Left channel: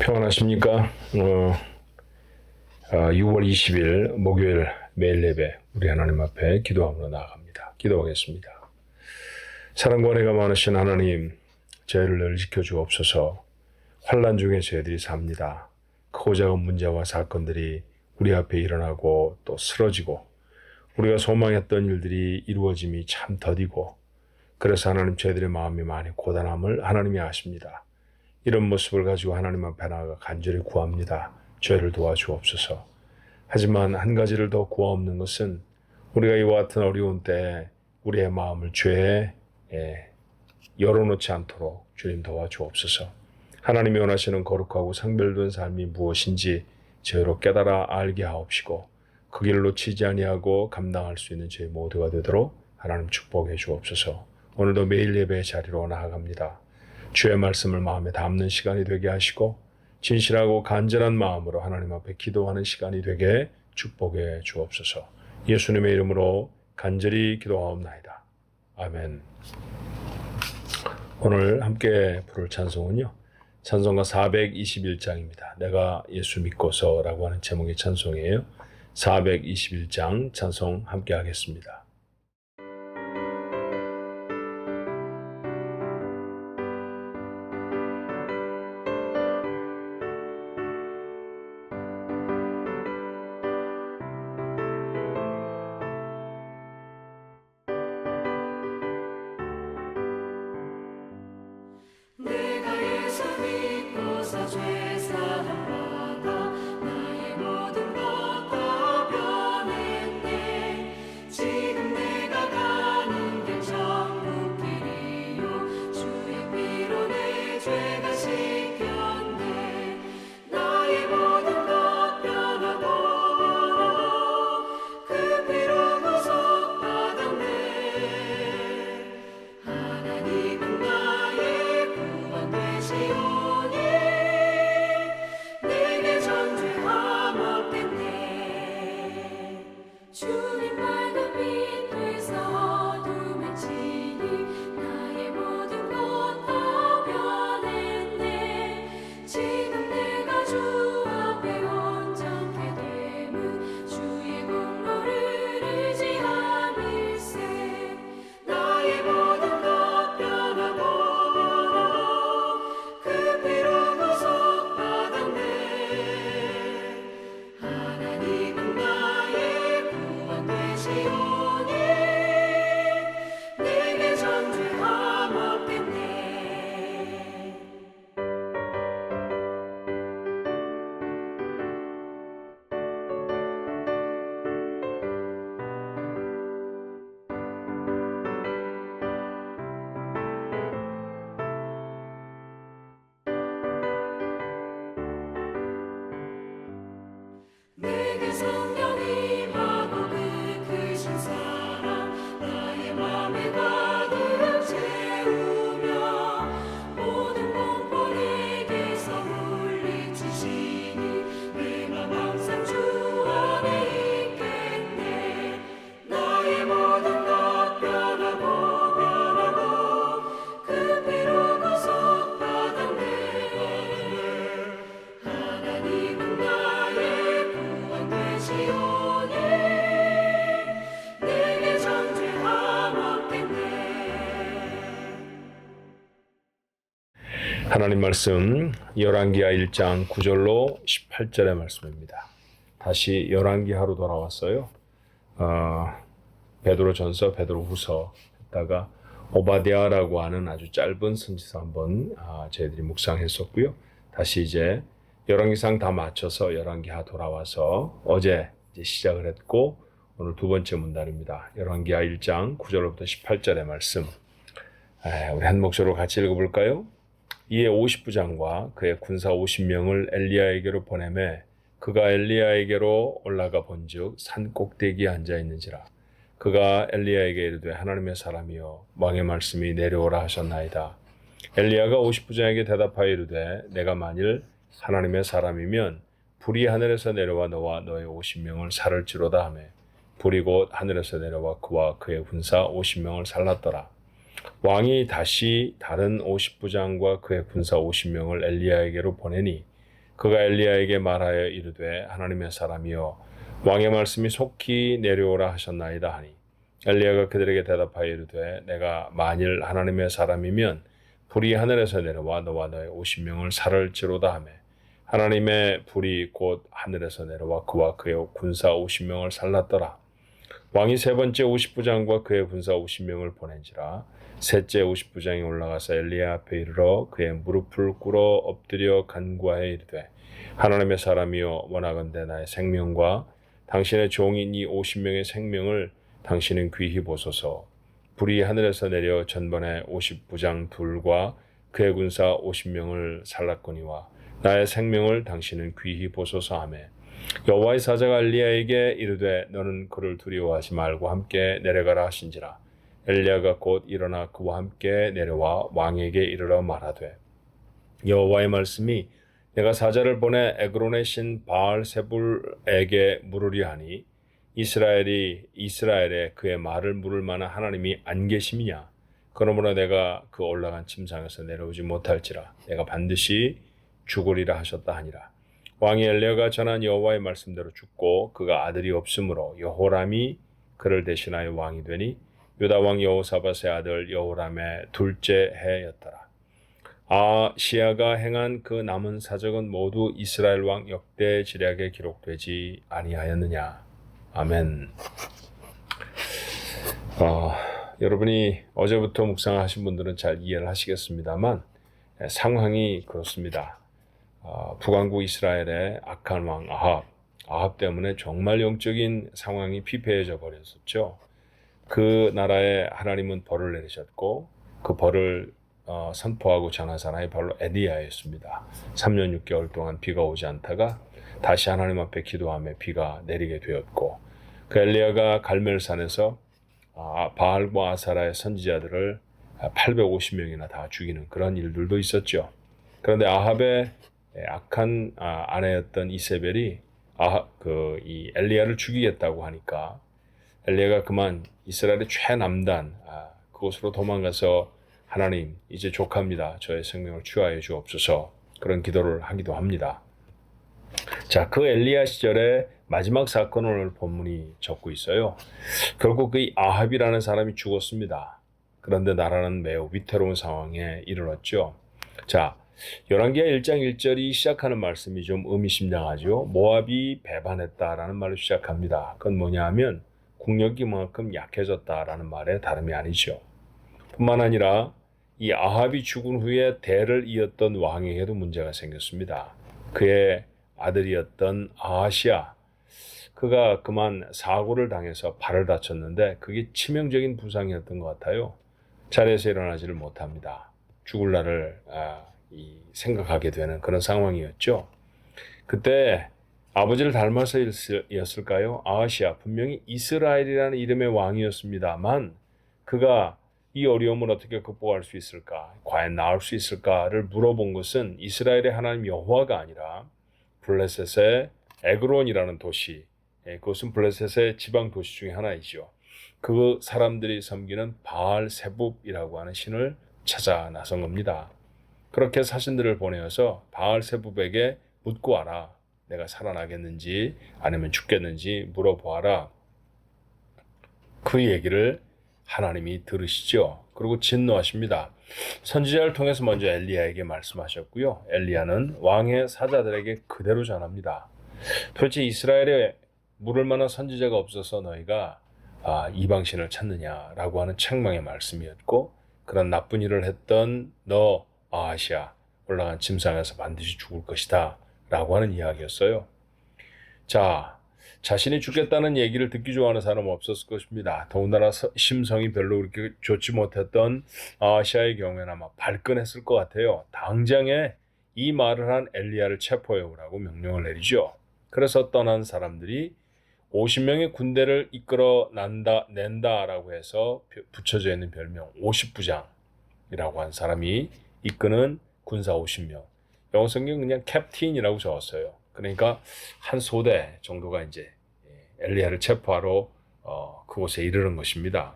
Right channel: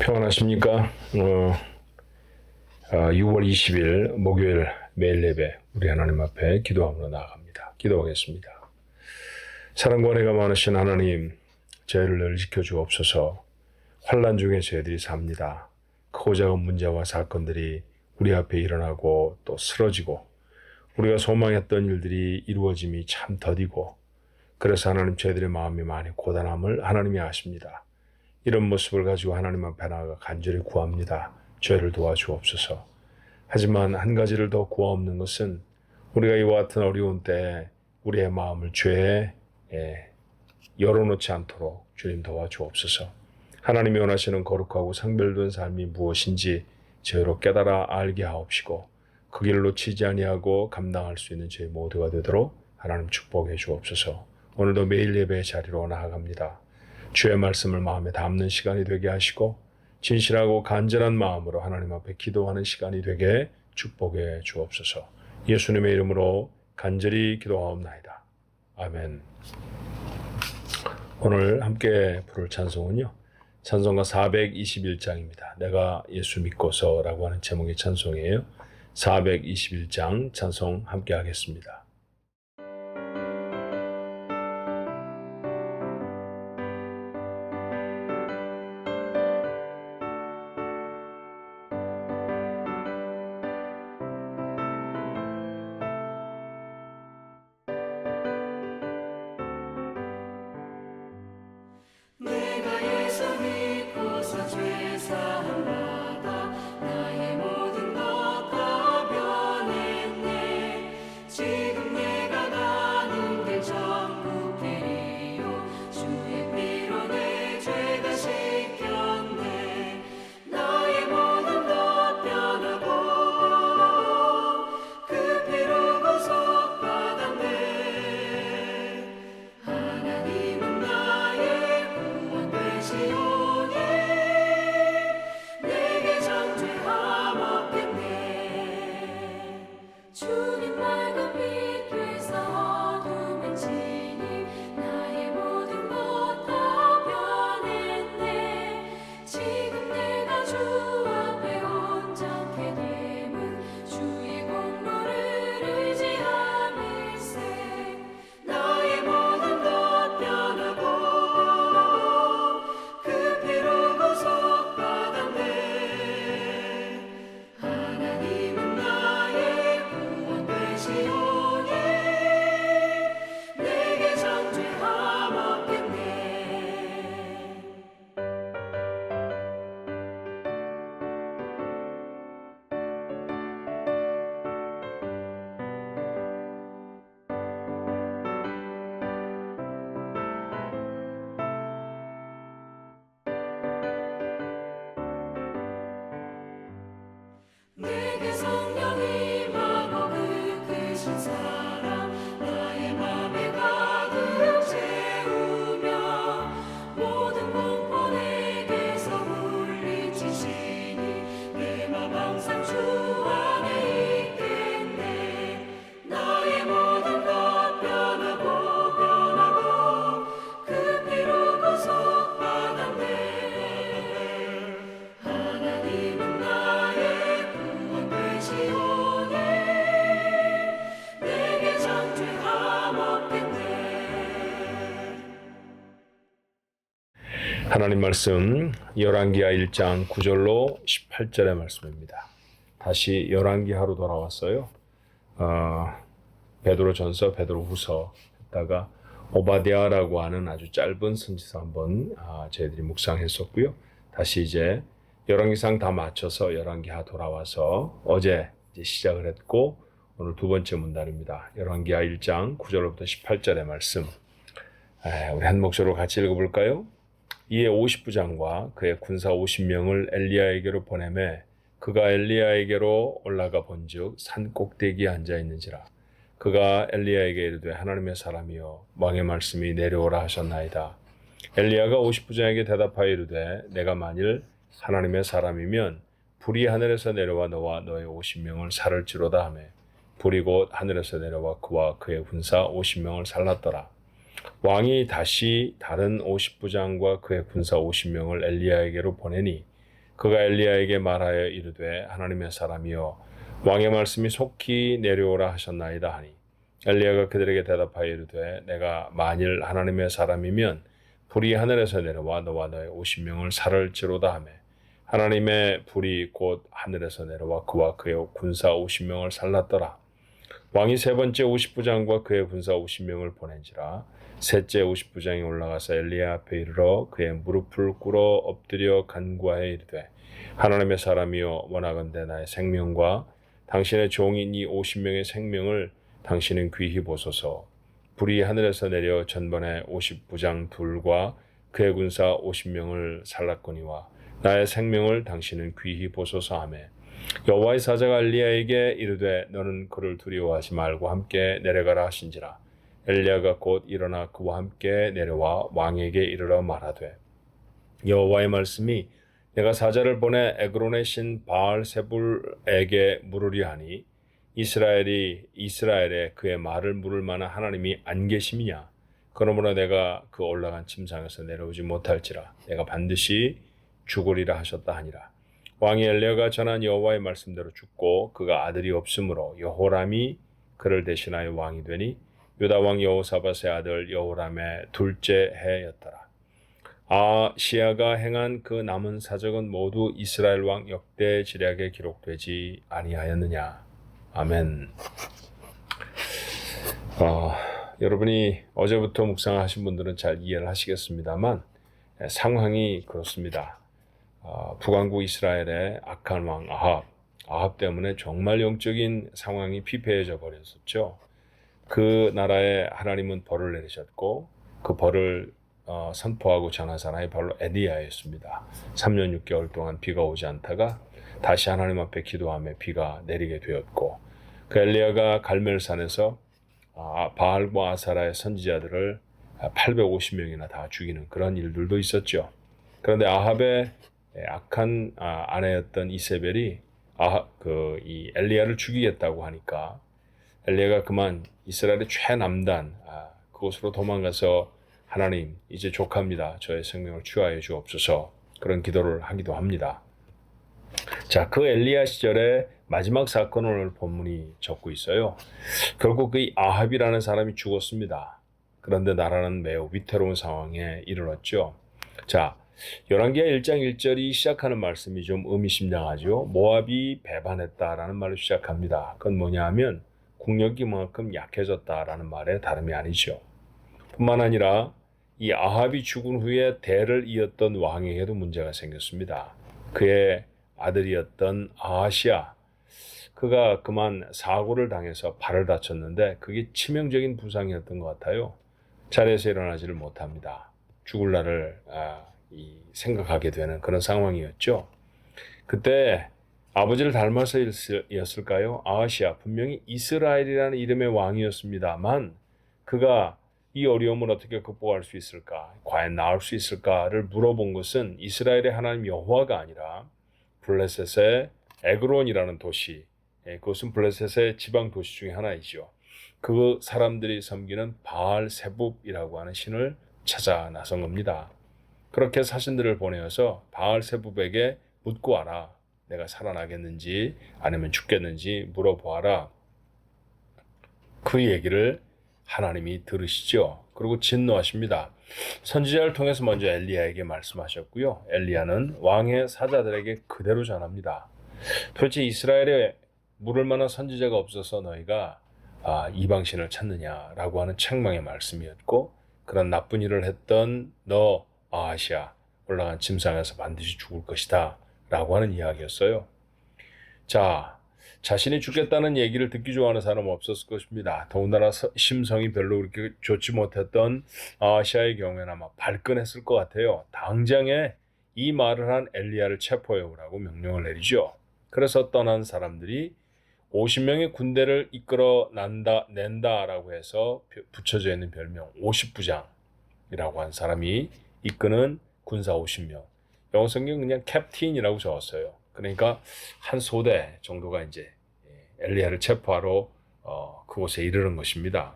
평안하십니까? 6월 20일 목요일 매일 예배 우리 하나님 앞에 기도함으로 나아갑니다. 기도하겠습니다. 사랑과 은혜가 많으신 하나님, 저희를 늘 지켜주옵소서. 환난 중에 저희들이 삽니다. 크고 작은 문제와 사건들이 우리 앞에 일어나고 또 쓰러지고 우리가 소망했던 일들이 이루어짐이 참 더디고, 그래서 하나님, 저희들의 마음이 많이 고단함을 하나님이 아십니다. 이런 모습을 가지고 하나님 앞에 나아가 간절히 구합니다. 저희를 도와주옵소서. 하지만 한 가지를 더 구하옵는 것은, 우리가 이와 같은 어려운 때에 우리의 마음을 죄에 열어놓지 않도록 주님 도와주옵소서. 하나님이 원하시는 거룩하고 성별된 삶이 무엇인지 저희로 깨달아 알게 하옵시고, 그 길을 놓치지 아니하고 감당할 수 있는 저희 모두가 되도록 하나님 축복해 주옵소서. 오늘도 매일 예배의 자리로 나아갑니다. 주의 말씀을 마음에 담는 시간이 되게 하시고, 진실하고 간절한 마음으로 하나님 앞에 기도하는 시간이 되게 축복해 주옵소서. 예수님의 이름으로 간절히 기도하옵나이다. 아멘. 오늘 함께 부를 찬송은요, 찬송가 421장입니다. 내가 예수 믿고서라고 하는 제목의 찬송이에요. 421장 찬송 함께 하겠습니다. 하나님 말씀 열왕기하 1장 9절로 18절의 말씀입니다. 다시 열왕기하로 돌아왔어요. 베드로전서, 베드로후서 했다가 오바댜라고 하는 아주 짧은 선지서 한번 저희들이 묵상했었고요. 다시 이제 열왕기상 다 마쳐서 열왕기하 돌아와서 어제 이제 시작을 했고, 오늘 두 번째 문단입니다. 열왕기하 1장 9절부터 18절의 말씀. 우리 한 목소리로 같이 읽어볼까요? 이에 50부장과 그의 군사 50명을 엘리야에게로 보내매 그가 엘리야에게로 올라가 본즉 산 꼭대기에 앉아 있는지라. 그가 엘리야에게 이르되 하나님의 사람이여 왕의 말씀이 내려오라 하셨나이다. 엘리야가 50부장에게 대답하여 이르되 내가 만일 하나님의 사람이면 불이 하늘에서 내려와 너와 너의 50명을 살을지로다 하매 불이 곧 하늘에서 내려와 그와 그의 군사 50명을 살랐더라. 왕이 다시 다른 50부장과 그의 군사 50명을 엘리야에게로 보내니 그가 엘리야에게 말하여 이르되 하나님의 사람이여 왕의 말씀이 속히 내려오라 하셨나이다 하니 엘리야가 그들에게 대답하여 이르되 내가 만일 하나님의 사람이면 불이 하늘에서 내려와 너와 너의 50명을 살을지로다 하매 하나님의 불이 곧 하늘에서 내려와 그와 그의 군사 50명을 살랐더라. 왕이 세 번째 50부장과 그의 군사 50명을 보낸지라 셋째 50부장이 올라가서 엘리야 앞에 이르러 그의 무릎을 꿇어 엎드려 간구하여 이르되 하나님의 사람이여 원하건대 나의 생명과 당신의 종인 이 50명의 생명을 당신은 귀히 보소서. 불이 하늘에서 내려 전번에 50부장 둘과 그의 군사 50명을 살랐거니와 나의 생명을 당신은 귀히 보소서 하며 여호와의 사자가 엘리야에게 이르되 너는 그를 두려워하지 말고 함께 내려가라 하신지라. 엘리야가 곧 일어나 그와 함께 내려와 왕에게 이르러 말하되 여호와의 말씀이 내가 사자를 보내 에그론의 신 바알세불에게 물으리 하니 이스라엘에 그의 말을 물을 만한 하나님이 안 계심이냐. 그러므로 내가 그 올라간 침상에서 내려오지 못할지라 내가 반드시 죽으리라 하셨다 하니라. 왕이 엘리야가 전한 여호와의 말씀대로 죽고 그가 아들이 없으므로 여호람이 그를 대신하여 왕이 되니 유다 왕 여호사밧의 아들 여호람의 둘째 해였더라. 아시야가 행한 그 남은 사적은 모두 이스라엘 왕 역대 지략에 기록되지 아니하였느냐. 아멘. 여러분이 어제부터 묵상하신 분들은 잘 이해를 하시겠습니다만 상황이 그렇습니다. 북왕국 이스라엘의 악한 왕 아합 때문에 정말 영적인 상황이 피폐해져 버렸었죠. 그 나라에 하나님은 벌을 내리셨고 그 벌을 선포하고 전한 사람이 바로 엘리야였습니다. 3년 6개월 동안 비가 오지 않다가 다시 하나님 앞에 기도하며 비가 내리게 되었고 그 엘리야가 갈멜산에서 바알과 아사라의 선지자들을 850명이나 다 죽이는 그런 일들도 있었죠. 그런데 아합의 악한 아내였던 이세벨이 이 엘리야를 죽이겠다고 하니까 엘리야가 그만 이스라엘의 최남단 그곳으로 도망가서 하나님 이제 족합니다. 저의 생명을 취하여 주옵소서 그런 기도를 하기도 합니다. 자, 그 엘리야 시절의 마지막 사건을 오늘 본문이 적고 있어요. 결국 그 아합이라는 사람이 죽었습니다. 그런데 나라는 매우 위태로운 상황에 이르렀죠. 자, 열왕기하 1장 1절이 시작하는 말씀이 좀 의미심장하죠. 모압이 배반했다라는 말로 시작합니다. 그건 뭐냐 하면 국력이 그만큼 약해졌다라는 말에 다름이 아니죠. 뿐만 아니라 이 아합이 죽은 후에 대를 이었던 왕에게도 문제가 생겼습니다. 그의 아들이었던 아하시야, 그가 그만 사고를 당해서 발을 다쳤는데 그게 치명적인 부상이었던 것 같아요. 자리에서 일어나지를 못합니다. 죽을 날을 생각하게 되는 그런 상황이었죠. 그때 아버지를 닮아서였을까요? 아하시야 분명히 이스라엘이라는 이름의 왕이었습니다만 그가 이 어려움을 어떻게 극복할 수 있을까? 과연 나을 수 있을까를 물어본 것은 이스라엘의 하나님 여호와가 아니라 블레셋의 에그론이라는 도시, 그것은 블레셋의 지방 도시 중에 하나이죠. 그 사람들이 섬기는 바알세붑이라고 하는 신을 찾아 나선 겁니다. 그렇게 사신들을 보내어서 바알세붑에게 묻고 와라. 내가 살아나겠는지 아니면 죽겠는지 물어보아라. 그 얘기를 하나님이 들으시죠. 그리고 진노하십니다. 선지자를 통해서 먼저 엘리야에게 말씀하셨고요. 엘리야는 왕의 사자들에게 그대로 전합니다. 도대체 이스라엘에 물을 만한 선지자가 없어서 너희가 이방신을 찾느냐라고 하는 책망의 말씀이었고 그런 나쁜 일을 했던 너 아하시야 올라간 침상에서 반드시 죽을 것이다 라고 하는 이야기였어요. 자, 자신이 죽겠다는 얘기를 듣기 좋아하는 사람은 없었을 것입니다. 더군다나 심성이 별로 그렇게 좋지 못했던 아하시야의 경우에는 아마 발끈했을 것 같아요. 당장에 이 말을 한 엘리야를 체포해 오라고 명령을 내리죠. 그래서 떠난 사람들이 50명의 군대를 이끌어 낸다라고 해서 붙여져 있는 별명 50부장이라고 한 사람이 이끄는 군사 50명. 영어 성경 그냥 캡틴이라고 적었어요. 그러니까 한 소대 정도가 이제 엘리야를 체포하러 그곳에 이르는 것입니다.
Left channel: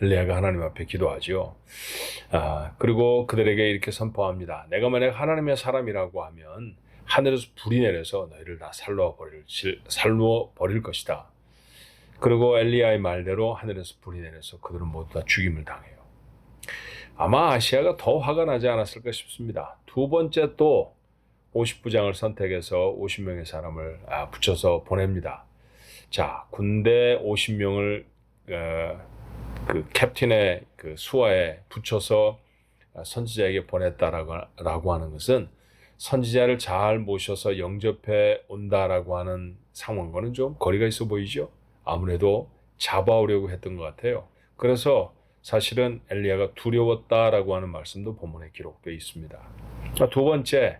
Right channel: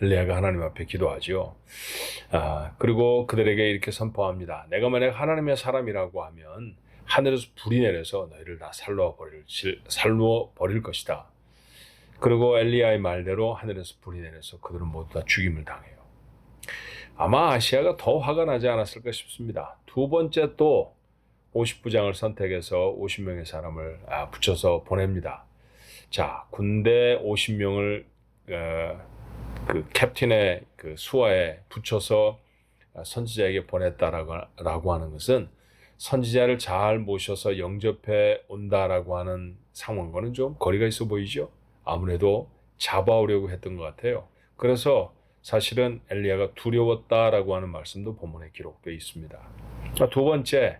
엘리야가 하나님 앞에 기도하죠. 그리고 그들에게 이렇게 선포합니다. 내가 만약 하나님의 사람이라고 하면 하늘에서 불이 내려서 너희를 다 살로 버릴 것이다. 그리고 엘리야의 말대로 하늘에서 불이 내려서 그들은 모두 다 죽임을 당해요. 아마 아시아가 더 화가 나지 않았을까 싶습니다. 두 번째 또 50부장을 선택해서 50명의 사람을 붙여서 보냅니다. 자, 군대 50명을 그 캡틴의 그 수하에 붙여서 선지자에게 보냈다라고 하는 것은 선지자를 잘 모셔서 영접해 온다라고 하는 상황과는 좀 거리가 있어 보이죠? 아무래도 잡아오려고 했던 것 같아요. 그래서 사실은 엘리야가 두려웠다라고 하는 말씀도 본문에 기록되어 있습니다. 두 번째,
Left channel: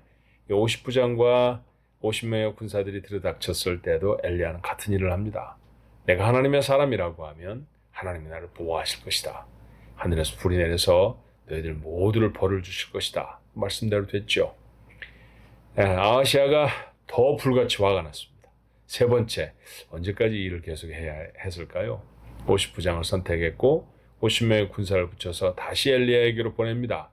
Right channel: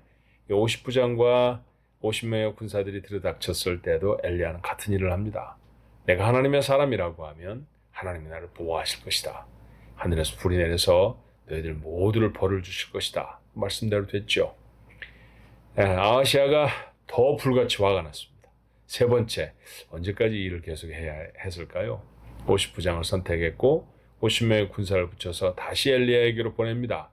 50부장과 50명의 군사들이 들이닥쳤을 때도 엘리야는 같은 일을 합니다. 내가 하나님의 사람이라고 하면 하나님이 나를 보호하실 것이다. 하늘에서 불이 내려서 너희들 모두를 벌을 주실 것이다. 말씀대로 됐죠. 아하시아가 더 불같이 화가 났습니다. 세 번째, 언제까지 이 일을 계속해야 했을까요? 50부장을 선택했고 50명의 군사를 붙여서 다시 엘리야에게로 보냅니다.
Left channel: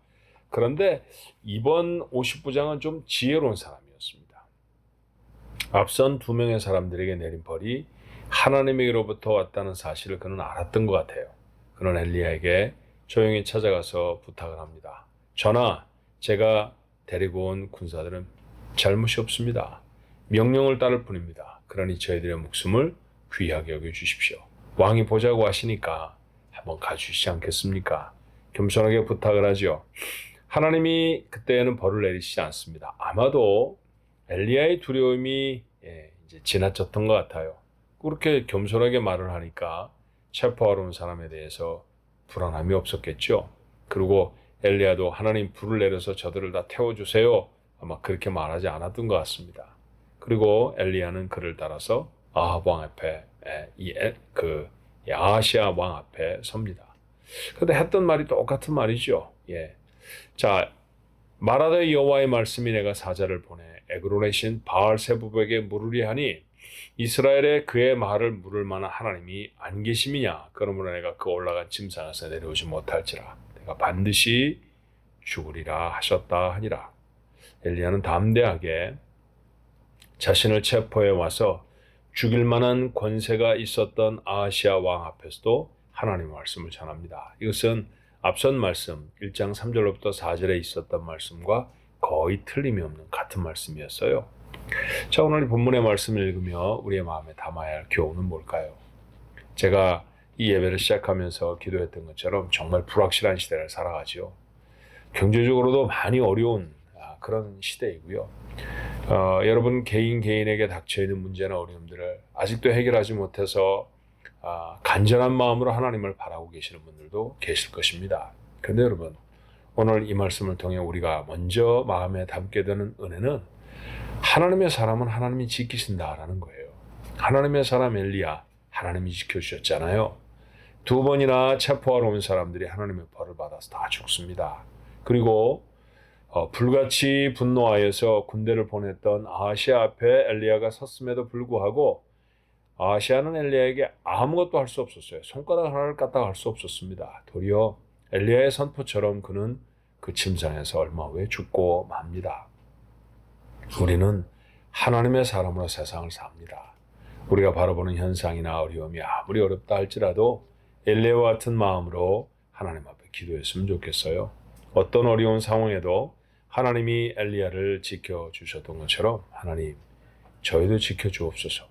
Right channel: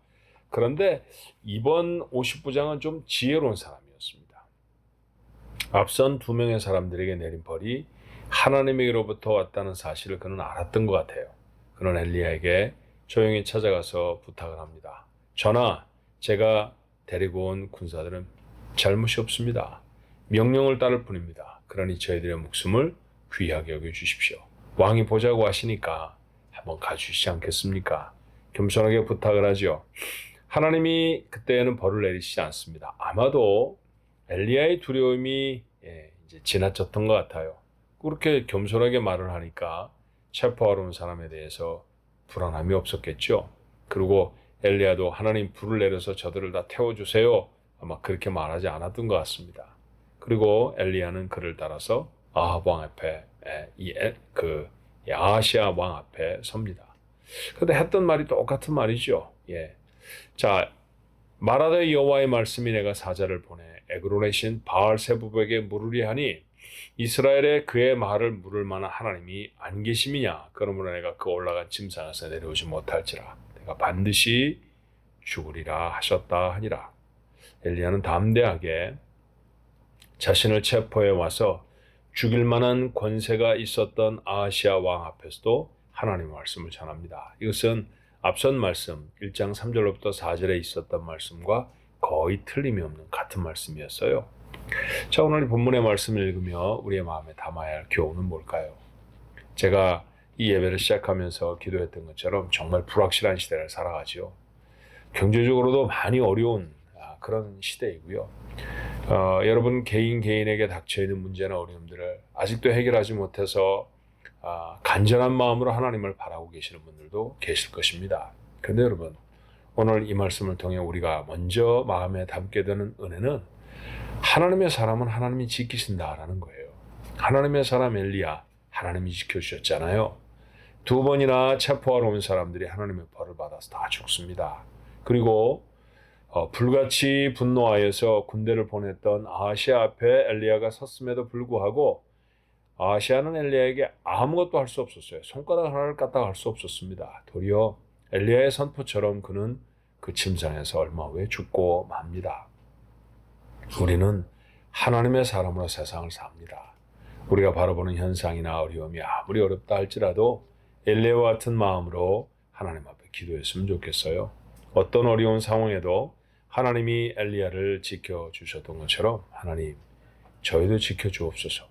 그런데 이번 50부장은 좀 지혜로운 사람이었습니다. 앞선 2명의 사람들에게 내린 벌이 하나님에게로부터 왔다는 사실을 그는 알았던 것 같아요. 그는 엘리야에게 조용히 찾아가서 부탁을 합니다. 전하, 제가 데리고 온 군사들은 잘못이 없습니다. 명령을 따를 뿐입니다. 그러니 저희들의 목숨을 귀하게 여겨주십시오. 왕이 보자고 하시니까 한번 가주시지 않겠습니까? 겸손하게 부탁을 하죠. 하나님이 그때에는 벌을 내리시지 않습니다. 아마도 엘리야의 두려움이 이제 지나쳤던 것 같아요. 그렇게 겸손하게 말을 하니까 체포하러 온 사람에 대해서 불안함이 없었겠죠. 그리고 엘리야도 하나님 불을 내려서 저들을 다 태워주세요. 아마 그렇게 말하지 않았던 것 같습니다. 그리고 엘리야는 그를 따라서 아합 왕 앞에 아하시아 왕 앞에 섭니다. 그런데 했던 말이 똑같은 말이죠. 자, 말하되 여호와의 말씀이 내가 사자를 보내 에그론의 신 바알세부백에 물으리 하니 이스라엘에 그의 말을 물을 만한 하나님이 안 계심이냐? 그러므로 내가 그 올라간 침상에서 내려오지 못할지라 내가 반드시 죽으리라 하셨다 하니라. 엘리야는 담대하게 자신을 체포해 와서 죽일 만한 권세가 있었던 아하시아 왕 앞에서도 하나님의 말씀을 전합니다. 이것은 앞선 말씀 1장 3절로부터 4절에 있었던 말씀과 거의 틀림이 없는 같은 말씀이었어요. 자, 오늘 본문의 말씀을 읽으며 우리의 마음에 담아야 할 교훈은 뭘까요? 제가 이 예배를 시작하면서 기도했던 것처럼 정말 불확실한 시대를 살아가죠. 경제적으로도 많이 어려운 그런 시대이고요. 여러분 개인에게 닥쳐있는 문제나 어려움들을 아직도 해결하지 못해서 간절한 마음으로 하나님을 바라고 계시는 분들도 계실 것입니다. 그런데 여러분, 오늘 이 말씀을 통해 우리가 먼저 마음에 담게 되는 은혜는 하나님의 사람은 하나님이 지키신다라는 거예요. 하나님의 사람 엘리야, 하나님이 지켜주셨잖아요. 2번이나 체포하러 온 사람들이 하나님의 벌을 받아서 다 죽습니다. 그리고 불같이 분노하여서 군대를 보냈던 아하시아 앞에 엘리야가 섰음에도 불구하고 아하시아는 엘리야에게 아무것도 할 수 없었어요. 손가락 하나를 까딱 할 수 없었습니다. 도리어 엘리야의 선포처럼 그는 그 침상에서 얼마 후에 죽고 맙니다. 우리는 하나님의 사람으로 세상을 삽니다. 우리가 바라보는 현상이나 어려움이 아무리 어렵다 할지라도 엘리야와 같은 마음으로 하나님 앞에 기도했으면 좋겠어요. 어떤 어려운 상황에도 하나님이 엘리야를 지켜주셨던 것처럼 하나님, 저희도 지켜주옵소서.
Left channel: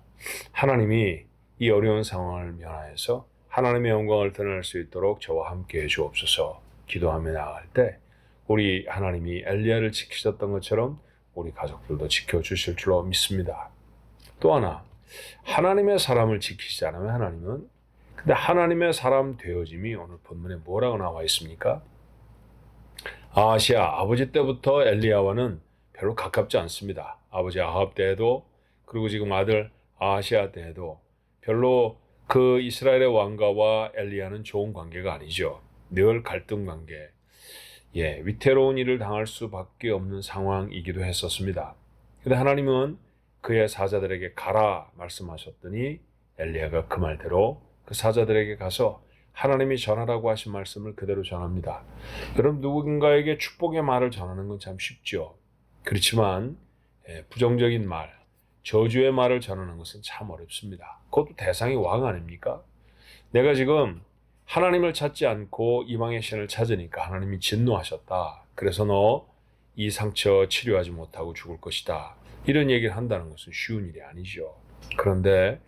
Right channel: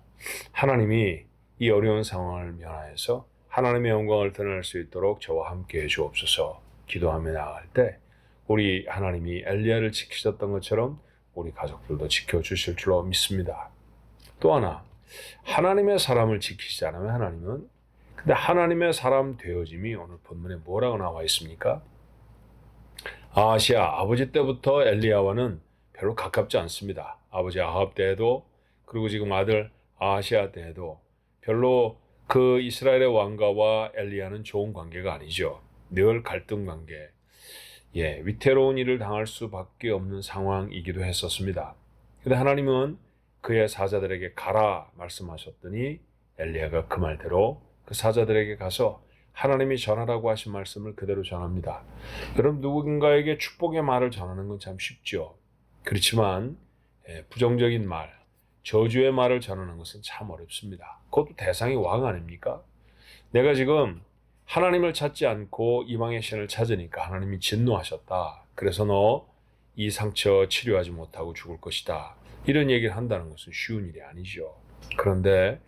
하나님이 이 어려운 상황을 면하여서 하나님의 영광을 드러낼 수 있도록 저와 함께 해주옵소서. 기도하며 나아갈 때 우리 하나님이 엘리야를 지키셨던 것처럼 우리 가족들도 지켜주실 줄로 믿습니다. 또 하나, 하나님의 사람을 지키지 않으면 근데 하나님의 사람 되어짐이 오늘 본문에 뭐라고 나와 있습니까? 아하시아 아버지 때부터 엘리야와는 별로 가깝지 않습니다. 아버지 아합 때에도 그리고 지금 아들 아하시아 때에도 별로 그 이스라엘의 왕가와 엘리야는 좋은 관계가 아니죠. 늘 갈등 관계, 위태로운 일을 당할 수밖에 없는 상황이기도 했었습니다. 그런데 하나님은 그의 사자들에게 가라 말씀하셨더니 엘리야가 그 말대로 그 사자들에게 가서 하나님이 전하라고 하신 말씀을 그대로 전합니다. 여러분, 누군가에게 축복의 말을 전하는 건 참 쉽죠. 그렇지만 부정적인 말, 저주의 말을 전하는 것은 참 어렵습니다. 그것도 대상이 왕 아닙니까? 내가 지금 하나님을 찾지 않고 이방의 신을 찾으니까 하나님이 진노하셨다. 그래서 너 이 상처 치료하지 못하고 죽을 것이다. 이런 얘기를 한다는 것은 쉬운 일이 아니죠. 그런데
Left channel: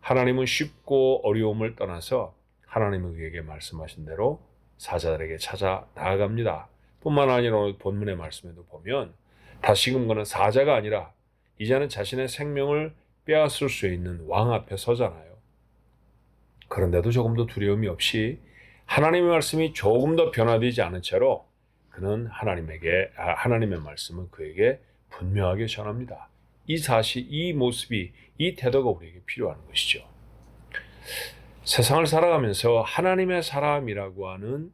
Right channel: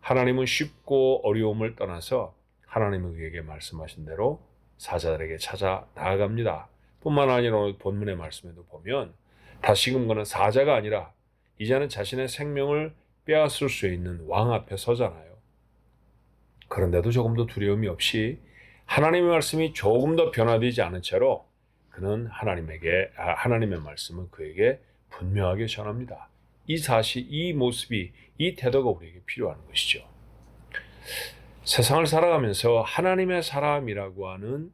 하나님은 쉽고 어려움을 떠나서 하나님은 그에게 말씀하신 대로 사자들에게 찾아 나아갑니다. 뿐만 아니라 오늘 본문의 말씀에도 보면 다시금 그는 사자가 아니라 이제는 자신의 생명을 빼앗을 수 있는 왕 앞에 서잖아요. 그런데도 조금 더 두려움이 없이 하나님의 말씀이 조금 더 변화되지 않은 채로 그는 하나님의 말씀은 그에게 분명하게 전합니다. 이 사실, 이 모습이, 이 태도가 우리에게 필요한 것이죠. 세상을 살아가면서 하나님의 사람이라고 하는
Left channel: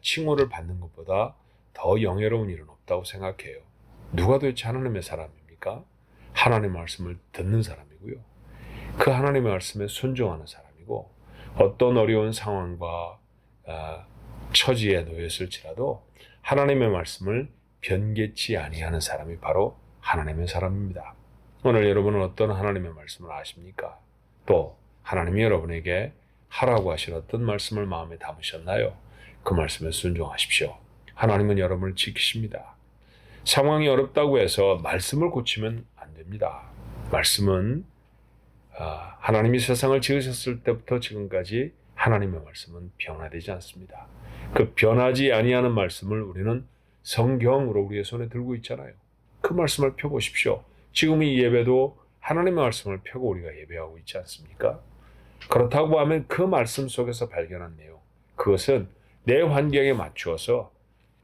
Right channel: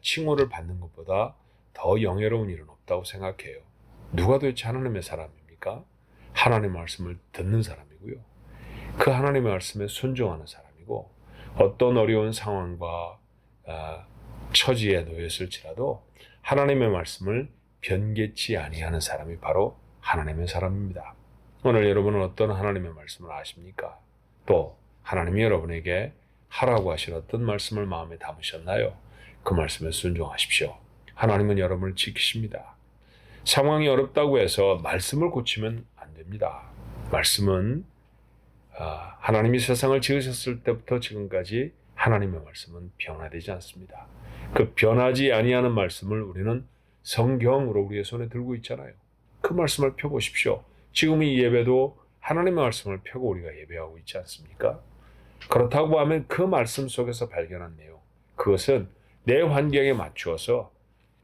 칭호를 받는 것보다 더 영예로운 일은 없다고 생각해요. 누가 도대체 하나님의 사람입니까? 하나님의 말씀을 듣는 사람이고요. 그 하나님의 말씀에 순종하는 사람이고, 어떤 어려운 상황과 처지에 놓였을지라도 하나님의 말씀을 변개치 아니하는 사람이 바로 하나님의 사람입니다. 오늘 여러분은 어떤 하나님의 말씀을 아십니까? 또 하나님이 여러분에게 하라고 하신 어떤 말씀을 마음에 담으셨나요? 그 말씀에 순종하십시오. 하나님은 여러분을 지키십니다. 상황이 어렵다고 해서 말씀을 고치면 안 됩니다. 말씀은 하나님이 세상을 지으셨을 때부터 지금까지 하나님의 말씀은 변화되지 않습니다. 그 변하지 아니하는 말씀을 우리는 성경으로 우리의 손에 들고 있잖아요. 그 말씀을 펴보십시오. 지금 이 예배도 하나님의 말씀을 펴고 우리가 예배하고 있지 않습니까? 그렇다고 하면 그 말씀 속에서 발견한 내용, 그것은 내 환경에 맞추어서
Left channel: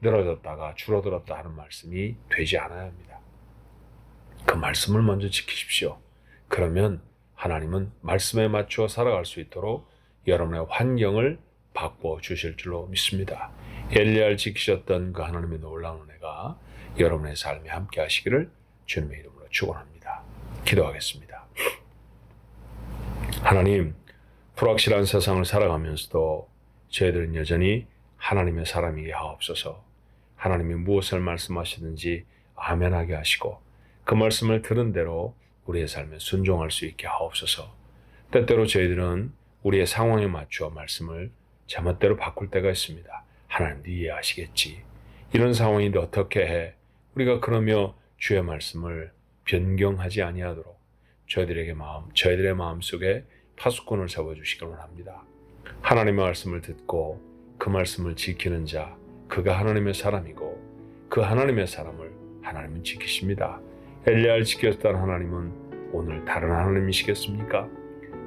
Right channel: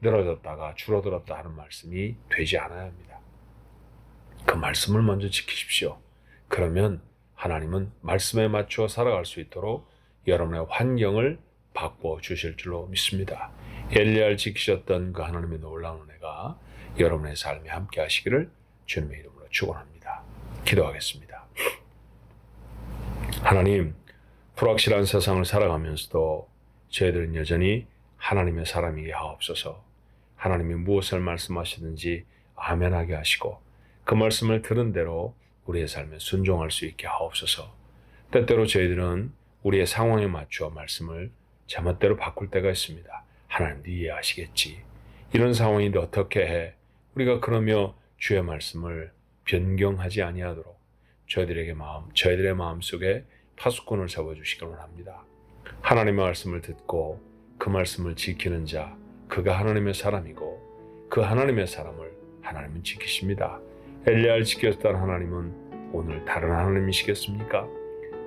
늘어졌다가 줄어들었다 하는 말씀이 되지 않아야 합니다. 그 말씀을 먼저 지키십시오. 그러면 하나님은 말씀에 맞추어 살아갈 수 있도록 여러분의 환경을 바꿔 주실 줄로 믿습니다. 엘리야를 지키셨던 그 하나님의 놀라운 은혜가 여러분의 삶에 함께 하시기를 주님의 이름으로 축원합니다. 기도하겠습니다. 하나님, 불확실한 세상을 살아가면서도 저희들은 여전히 하나님의 사람이게 하옵소서. 하나님이 무엇을 말씀하시든지 아멘하게 하시고 그 말씀을 들은 대로 우리의 삶에 순종할 수 있게 하옵소서. 때때로 저희들은 우리의 상황에 맞추어 말씀을 제멋대로 바꿀 때가 있습니다. 하나님도 이해하시겠지. 이런 상황인데 어떻게 해? 우리가 그러며 주의 말씀을 변경하지 아니하도록 저희들의 마음 속에 파수꾼을 잡아주시길 원합니다. 하나님의 말씀을 듣고 그 말씀을 지키는 자, 그가 하나님의 사람이고 그 하나님의 사람을 하나님은 지키십니다. 엘리야를 지켰던 하나님은 오늘 다른 하나님이시겠습니까?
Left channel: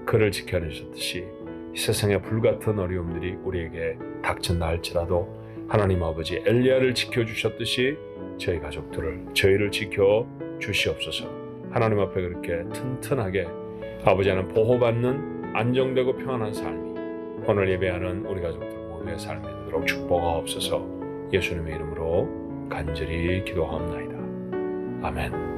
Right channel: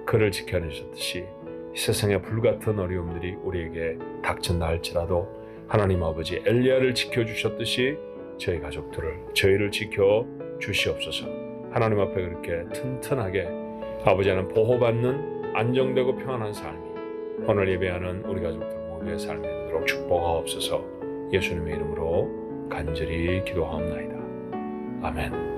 그를 지켜내셨듯이 이 세상의 불같은 어려움들이 우리에게 닥친다 할지라도 하나님 아버지 엘리야를 지켜주셨듯이 저희 가족들을, 저희를 지켜 주시옵소서. 하나님 앞에 그렇게 튼튼하게 아버지는 보호받는 안정되고 평안한 삶이 오늘 예배하는 우리 가족들 모두의 삶이 되도록 축복하옵소서. 예수님의 이름으로 간절히 기도하옵나이다. 아멘.